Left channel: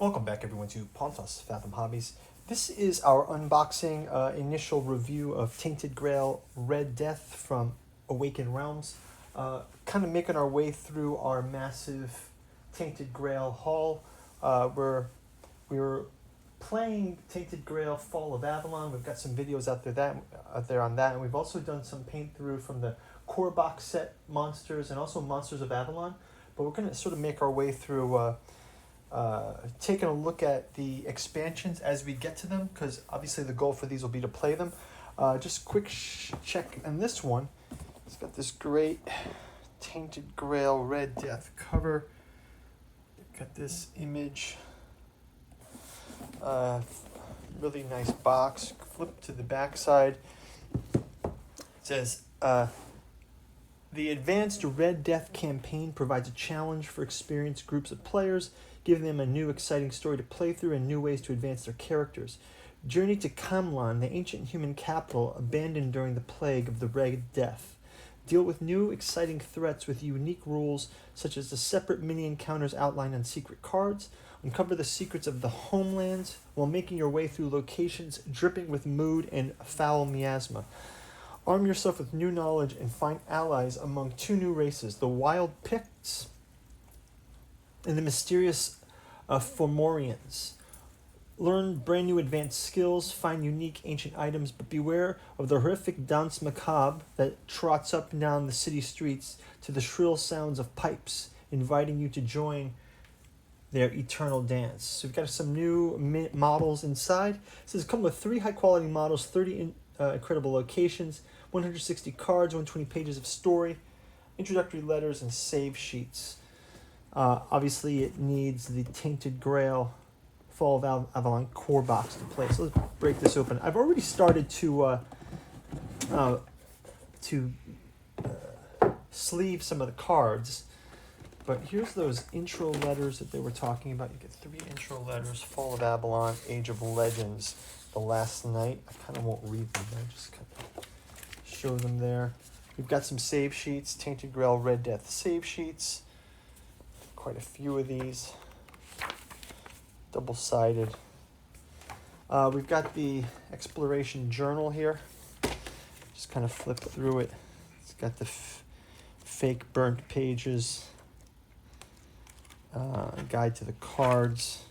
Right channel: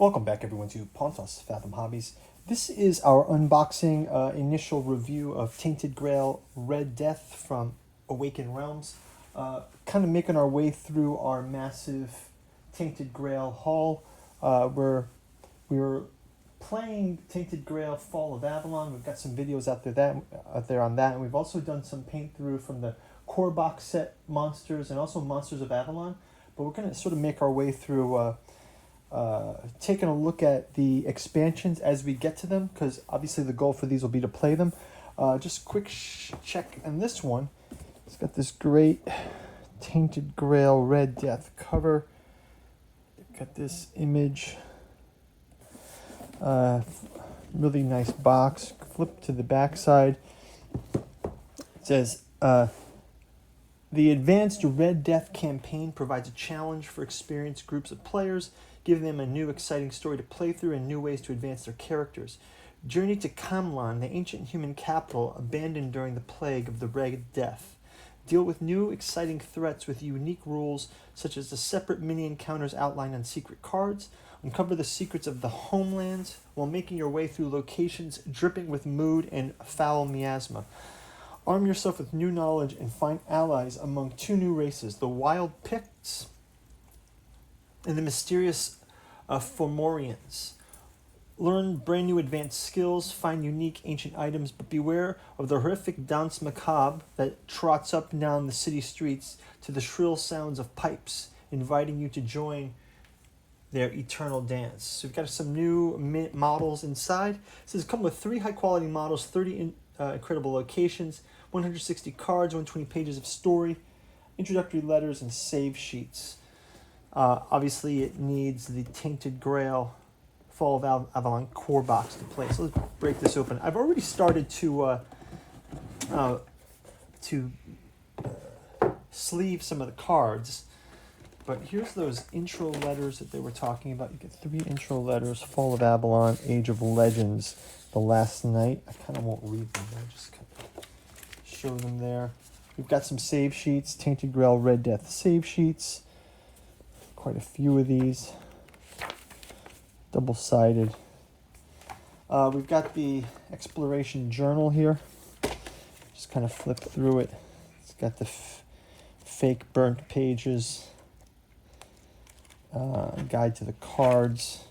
Welcome back everyone to Pontos Fathom Hobbies. This is our unboxing initial review of Tainted Grail Red Death from Awakened Realms. Kind of making our way through our massive Tainted Grail haul. We were playing Tainted Grail Fall of Avalon. We've got some videos out there on that, and we've also done some paint through from the core box set monsters and also Monsters of Avalon. But we're going to sort of make our way through taking a look at the expansions as we get to them, because obviously the goal for these will be to play them. Just quick check on this one. It's got this great Tainted Grail Red Death cover. Got this image. Really nice box. Flip to the back side. It says, the Advanced Red Death campaign provides a challenge for experienced groups of players, giving them a new exciting story to play through and new ways to advance their characters. Journey to Kamlan, the ancient human capital abandoned during the plague of the Red Death. Deal with new exciting threats with unique rules, such as the separate mini-encounters outlined on secret cards. Uncover the secrets of the homelands while making your way through locations dripping with mood and foul miasma. Arm yourself with new knowledge and find allies among two new races, the Wild Picts and the mysterious Fomorians. Learn brand new advanced skills, find unique ancient items, but beware of the horrific danse macabre that trots up and down the city streets to the shrill sounds of pipes, inviting you to join their eternal dance. So we've got some new models inside. It says come with 3 high-quality models, 30 incredible locations, 160 cards, 120 pages of story, introductory letters, and save sheets. Obviously, it needs the Tainted Grail Fall of Avalon core box to play. So let's break this open. I've already started to sleeve some of the cards, but here's those intro letters that they were talking about. You get 3 intro letters: Fall of Avalon, Age of Legends, The Last Night. I kind of won't read them, but I just kind of show them there. We've got some save sheets, Tainted Grail Red Death save sheets. Quite a few of these, double-sided. We've got the exploration journal here. Just kind of flip through it. It's got the fake burnt pages, guide to the cards.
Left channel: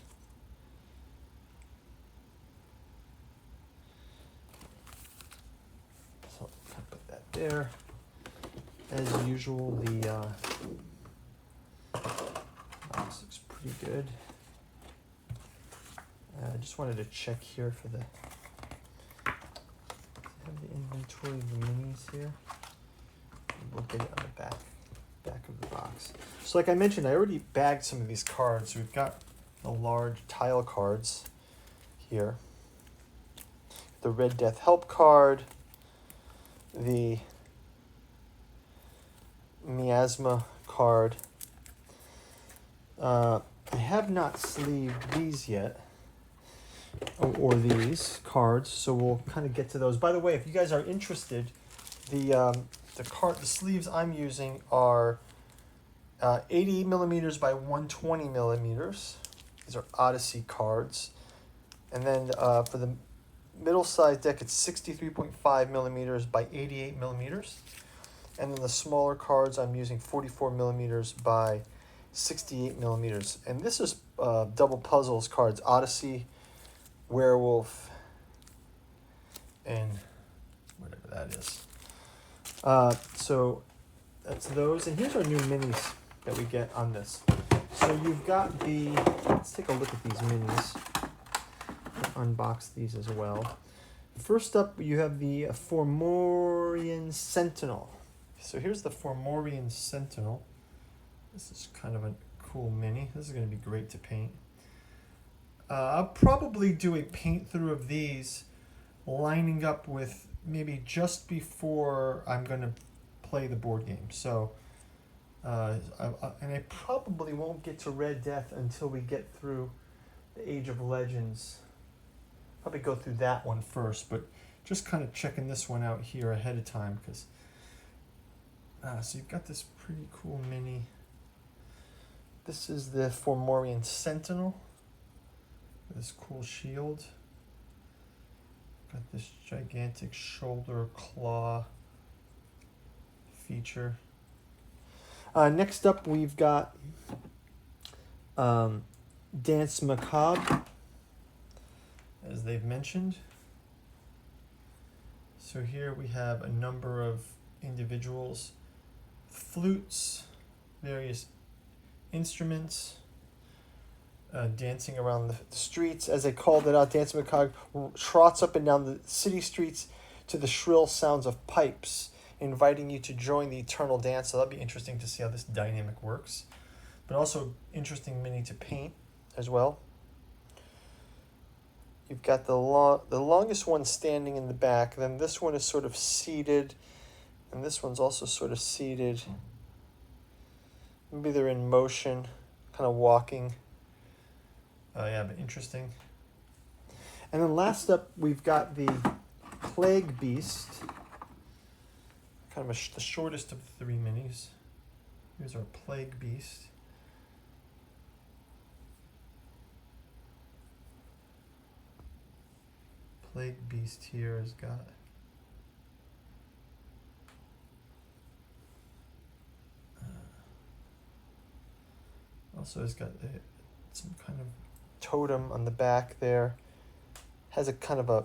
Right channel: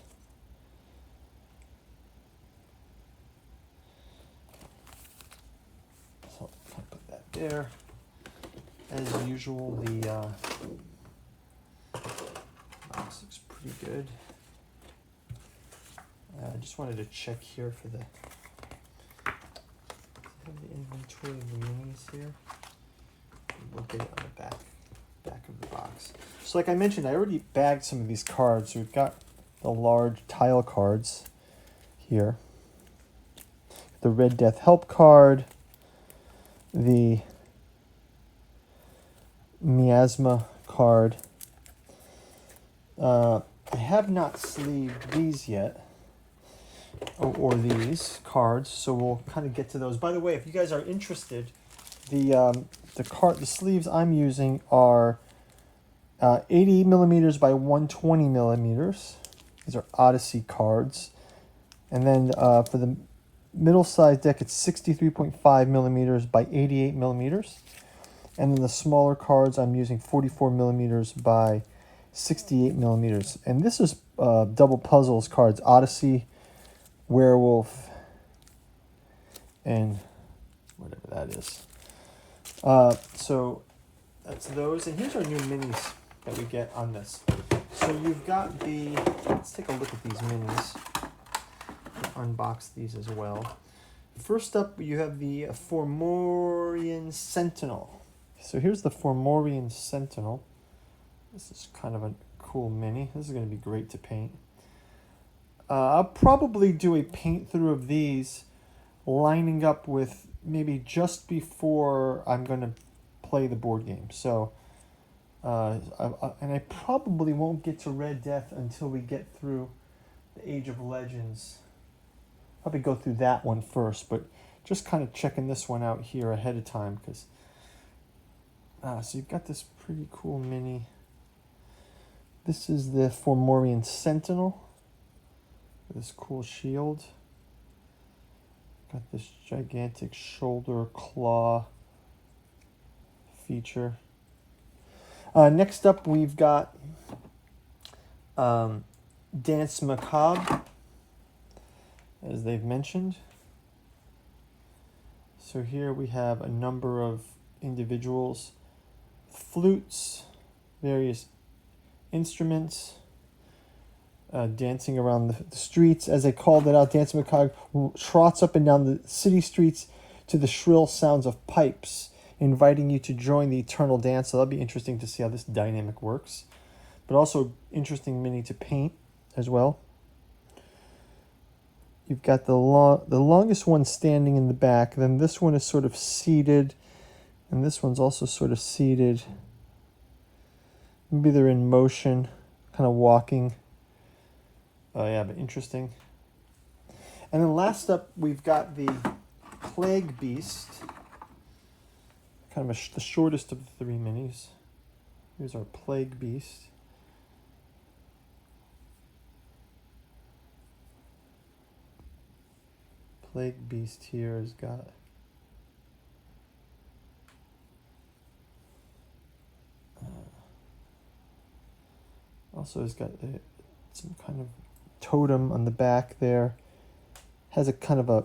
So I'll put that there. As usual, the box looks pretty good. I just wanted to check here for the inventory of the minis here. We'll get it on the back of the box. So like I mentioned, I already bagged some of these cards. So we've got the large tile cards here, the Red Death help card, the miasma card. I have not sleeved these yet, or these cards, so we'll kind of get to those. By the way, if you guys are interested, the sleeves I'm using are 80 millimeters by 120 millimeters. These are Odyssey cards, and then for the middle size deck, it's 63.5 millimeters by 88 millimeters, and then the smaller cards I'm using 44 millimeters by 68 millimeters. And this is double puzzles cards: Odyssey, Werewolf, and whatever that is. So that's those. And here's our new minis that we get on this. So you've got the, let's take a look at these minis. I'll unbox these as well. First up, you have the Fomorian Sentinel. So here's the Fomorian Sentinel. This is kind of a cool mini. This is going to be great to paint. I'll probably do a paint through of these lining up with maybe just before I'm going to play the board game. So, and I probably won't get to Red Death until we get through the Age of Legends. Probably go through that one first, but just kind of checking this one out here ahead of time, because so you've got this pretty cool mini. This is the Fomorian Sentinel. This cool shield. Got this gigantic shoulder claw feature. Next up, we've got Dance Macabre, as they've mentioned. So here we have a number of individuals, flutes, various instruments, dancing around the streets. As they called it out, Dance Macabre trots up and down the city streets to the shrill sounds of pipes, inviting you to join the eternal dance. So that'll be interesting to see how this dynamic works. But also interesting mini to paint as well. You've got the longest one standing in the back. Then this one is sort of seated, and this one's also sort of seated. Maybe they're in motion, kind of walking. Yeah, but interesting. And then last up, we've got the Plague Beast, kind of the shortest of the 3 minis. Here's our Plague Beast. Plague Beast here has got also has got some kind of totem on the back there. Has a kind of a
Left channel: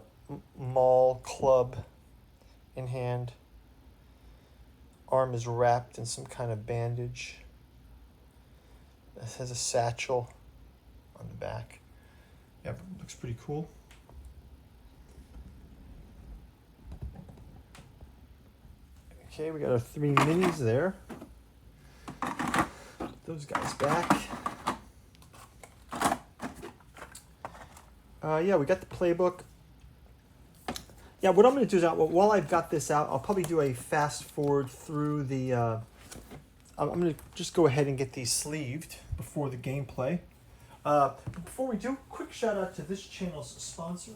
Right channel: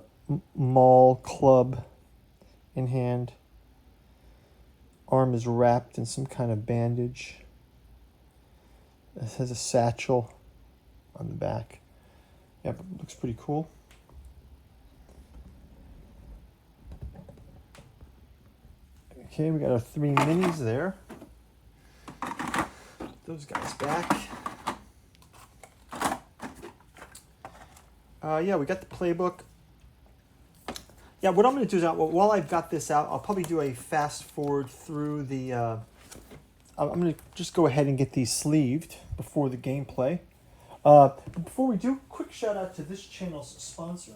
maul club in hand. Arm is wrapped in some kind of bandage. This has a satchel on the back. Yeah, but looks pretty cool. Okay, we got our 3 minis there. Put those guys back. Yeah, we got the playbook. Yeah, what I'm going to do is, while I've got this out, I'll probably do a fast forward through the... I'm going to just go ahead and get these sleeved before the gameplay. Before we do, quick shout out to this channel's sponsor,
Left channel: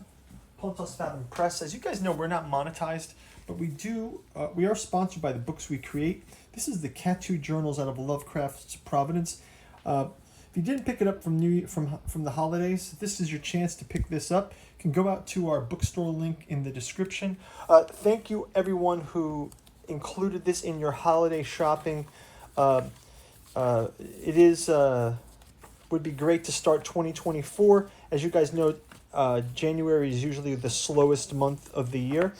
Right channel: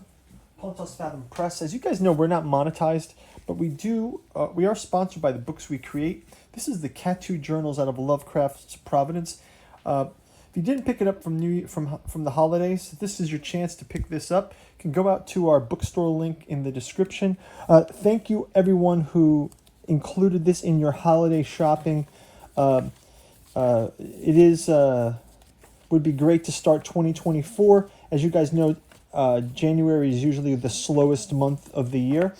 Pontos Fathom Press. As you guys know, we're not monetized, but we are sponsored by the books we create. This is the Cat Journals out of Lovecraft's Providence. If you didn't pick it up from the holidays, this is your chance to pick this up. You can go out to our bookstore link in the description. Thank you everyone who included this in your holiday shopping. Would be great to start 2024. As you guys know, January is usually the slowest month of the year,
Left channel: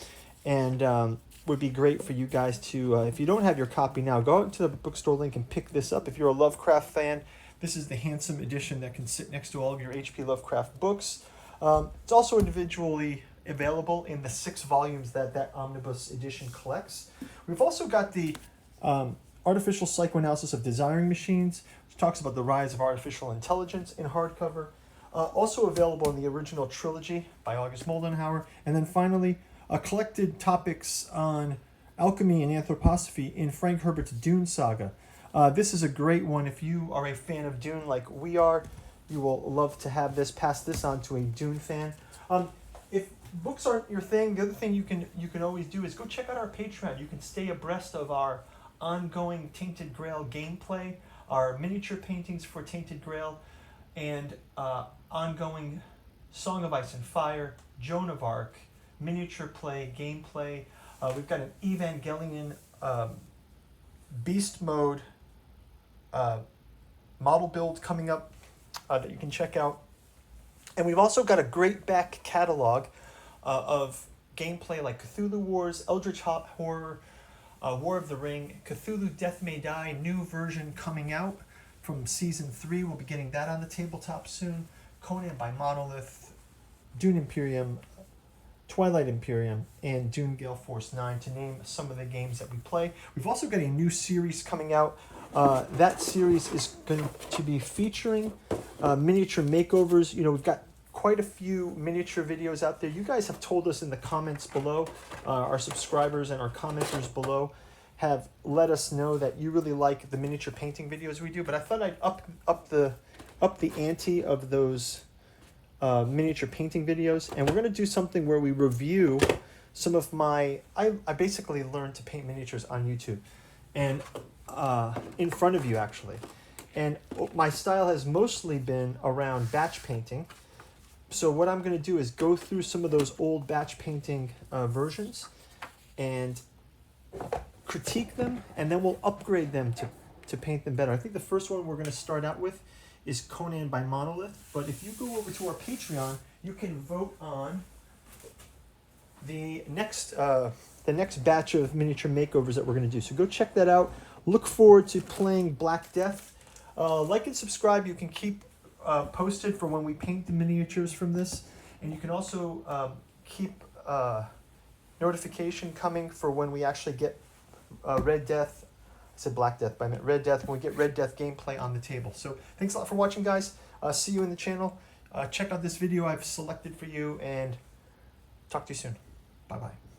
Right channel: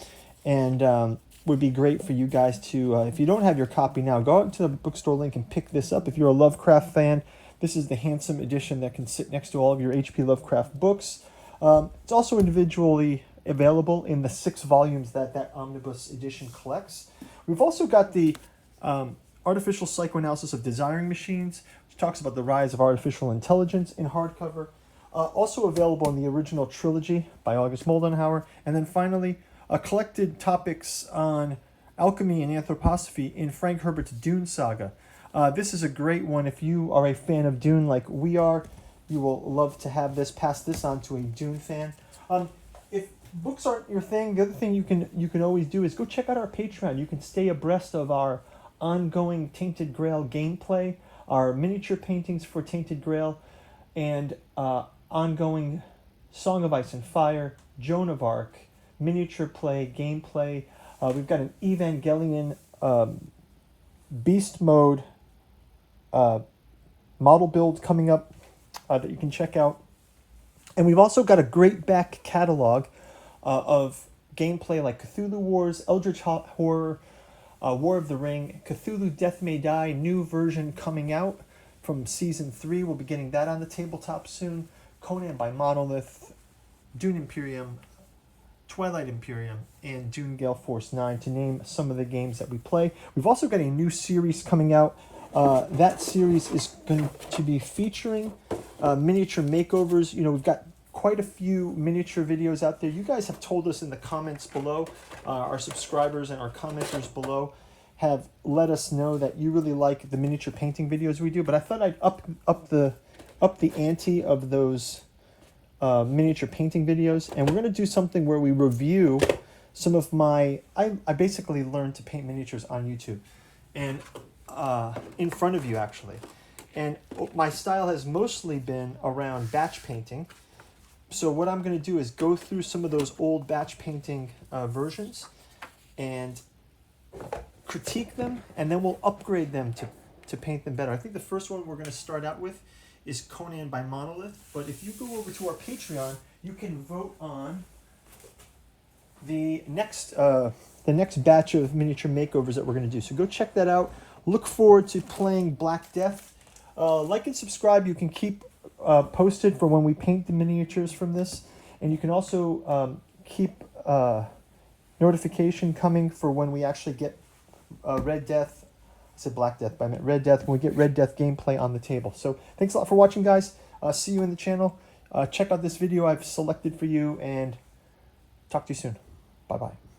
and would be great for you guys to, if you don't have your copy now, go out to the bookstore link and pick this up. If you're a Lovecraft fan, this is the handsome edition that can sit next to all of your H.P. Lovecraft books. It's also individually available in the 6 volumes that omnibus edition collects. We've also got the Artificial Psychoanalysis of Desiring Machines, which talks about the rise of artificial intelligence in hardcover. Also available in the original trilogy by August Moldenhauer. And then finally, collected topics on alchemy and anthroposophy in Frank Herbert's Dune Saga. This is a great one. If you are a fan of Dune like we are, you will love to have this. Pass this on to a Dune fan. If books aren't your thing, the other thing you can always do is go check out our Patreon. You can stay abreast of our ongoing Tainted Grail gameplay, our miniature paintings for Tainted Grail, and ongoing Song of Ice and Fire, Joan of Arc, miniature play, gameplay. We've got an Evangelion beast mode model build coming up that you can check out. And we've also got a great back catalog of gameplay like Cthulhu Wars, Eldritch Horror, War of the Ring, Cthulhu Death May Die, new version coming out from Season 3. We'll be getting that on the tabletop soon. Conan by Monolith, Dune Imperium, Twilight Imperium, and Dune Gale Force 9, to name some of the games that we play. We've also got a new series coming out. That series is going to be featuring miniature makeovers. You know, we've got quite a few miniature videos out there. You guys have told us in the comments below, our subscribers and our commenters below have let us know that you really like the miniature painting videos we do, but I thought I'd up the ante of those miniature painting videos, and we're going to do something where we review some of I basically learned to paint miniatures on YouTube, and in front of you actually, and my style has mostly been around batch painting. So what I'm going to do is go through some of those old batch painting versions and critique them, and then we'll upgrade them to paint them better. I think the first one we're going to start out with is Conan by Monolith, but if you go over to our Patreon, you can vote on the next batch of miniature makeovers that we're going to do. So go check that out. Look forward to playing Black Death. Like and subscribe. You can keep posted for when we paint the miniatures from this, and you can also keep notification coming for when we actually get Red Death. I said Black Death, but I meant Red Death. When we get Red Death gameplay on the table. So thanks a lot for watching, guys. See you in the channel. Check out this video I've selected for you, and talk to you soon. Bye-bye.